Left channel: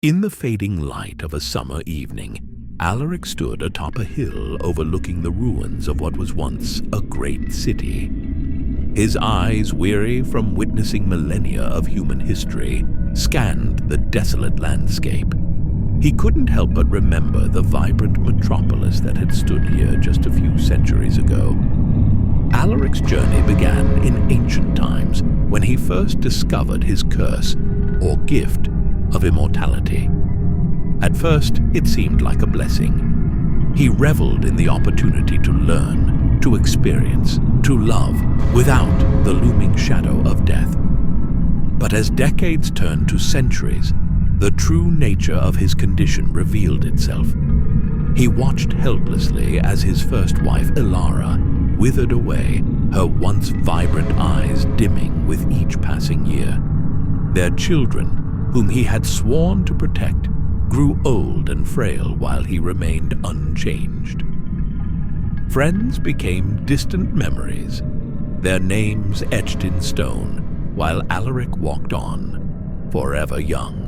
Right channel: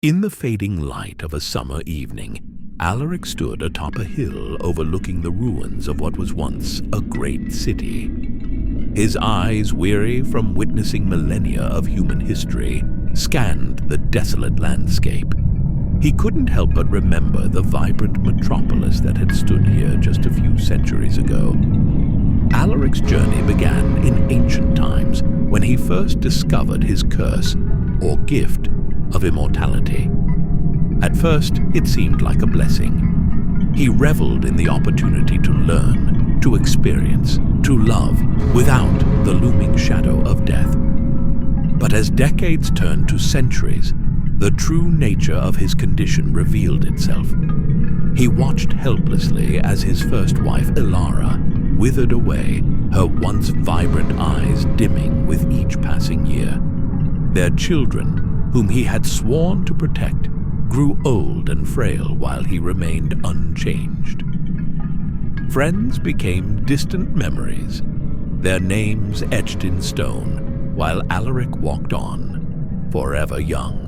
In the fading light of a summer evening, Alaric stood atop a hill overlooking the ruins of what was once a great city. His eyes, weary from witnessing millennia of human history, scanned the desolate landscape. He couldn't help but remember the vibrant metropolis that had stood here just a few centuries ago. Alaric's journey began in ancient times when he first discovered his curse, or gift, of immortality. At first, it seemed like a blessing. He reveled in the opportunity to learn, to experience, to love without the looming shadow of death. But as decades turned to centuries, the true nature of his condition revealed itself. He watched helplessly as his first wife, Ilara, withered away, her once vibrant eyes dimming with each passing year. Their children, whom he had sworn to protect, grew old and frail while he remained unchanged. Friends became distant memories, their names etched in stone, while Alaric walked on, forever young.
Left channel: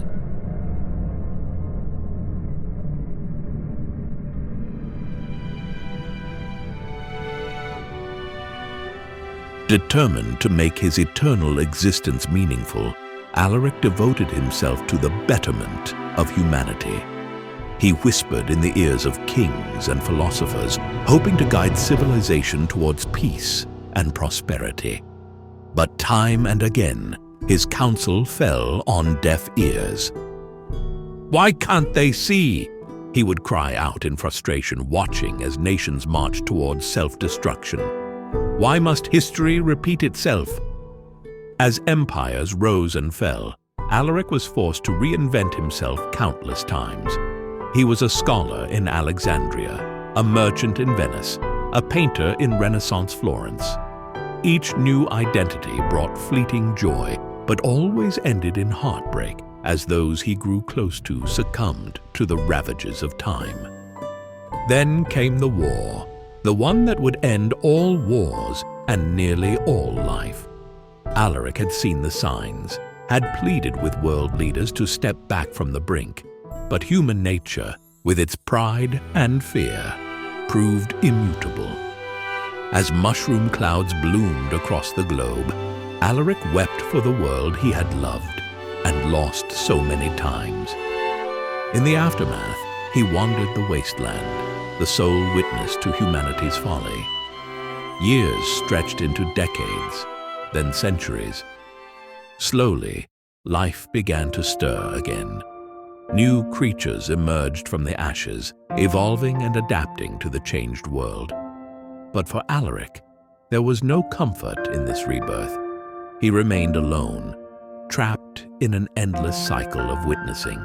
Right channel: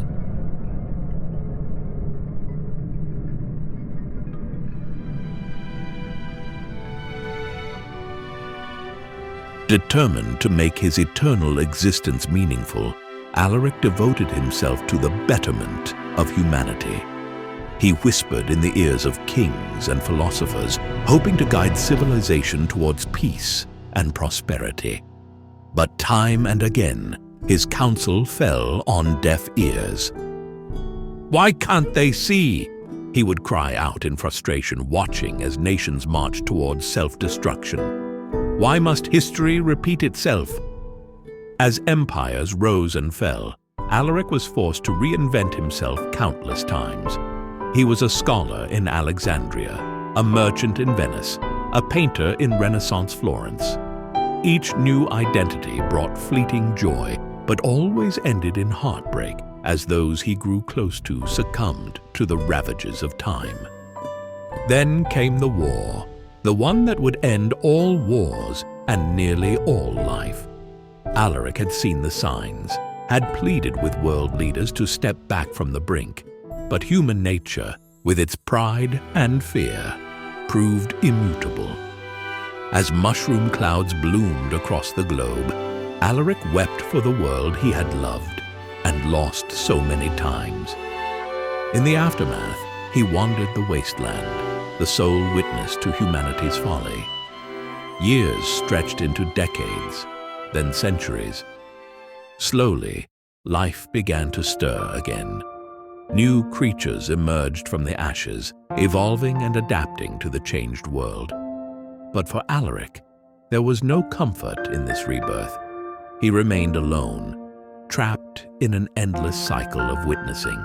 Determined to make his eternal existence meaningful, Alaric devoted himself to the betterment of humanity. He whispered in the ears of kings and philosophers, hoping to guide civilization towards peace and prosperity. But time and again, his counsel fell on deaf ears. "Why can't they see?" he would cry out in frustration, watching as nations marched towards self-destruction. "Why must history repeat itself?" As empires rose and fell, Alaric was forced to reinvent himself countless times. He was a scholar in Alexandria, a merchant in Venice, a painter in Renaissance Florence. Each new identity brought fleeting joy, but always ended in heartbreak as those he grew close to succumbed to the ravages of time. Then came the war, the one that would end all wars and nearly all life. Alaric had seen the signs, had pleaded with world leaders to step back from the brink, but human nature, with its pride and fear, proved immutable. As mushroom clouds bloomed across the globe, Alaric wept for the world he had loved and lost so many times. In the aftermath, he wandered the wasteland, the sole witness to humanity's folly. Years stretched into decades, then centuries. Slowly, life began to stir again. New creatures emerged from the ashes, evolving and adapting to the changed world. But for Alaric, there was no comfort in this rebirth. He remained alone, trapped in an endless cycle of witnessing.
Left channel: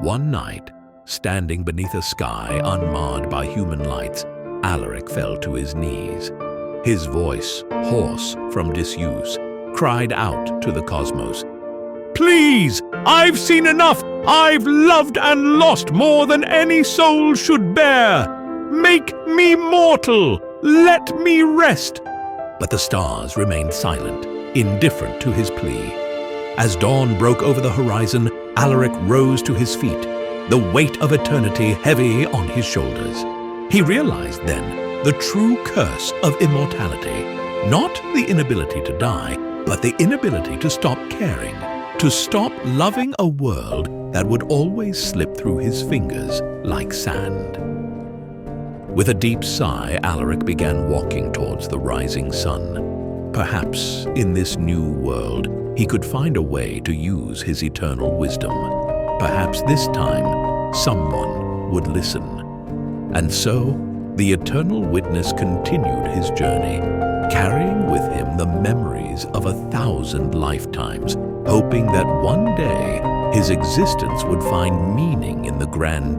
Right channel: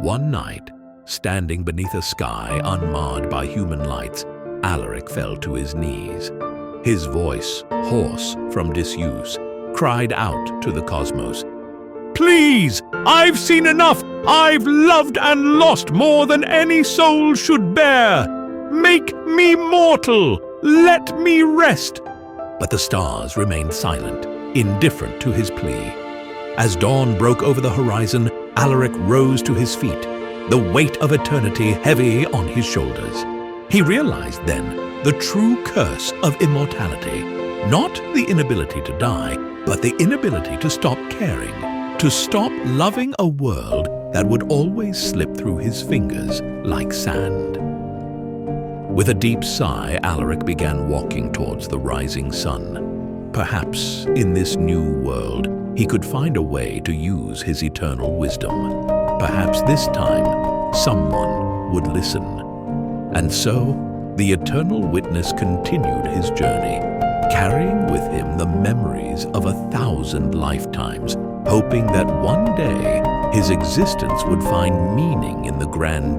One night, standing beneath a sky unmarred by human lights, Alaric fell to his knees. His voice, hoarse from disuse, cried out to the cosmos, "Please, I've seen enough! I've loved and lost more than any soul should bear! Make me mortal! Let me rest!" But the stars remained silent, indifferent to his plea. As dawn broke over the horizon, Alaric rose to his feet, the weight of eternity heavy on his shoulders. He realized then the true curse of immortality, not the inability to die, but the inability to stop caring, to stop loving a world that would always slip through his fingers like sand. With a deep sigh, Alaric began walking towards the rising sun. Perhaps in this new world, he could find a way to use his eternal wisdom. Perhaps this time, someone would listen. And so, the eternal witness continued his journey, carrying with him the memories of 1,000 lifetimes, hoping that one day his existence would find meaning in the grand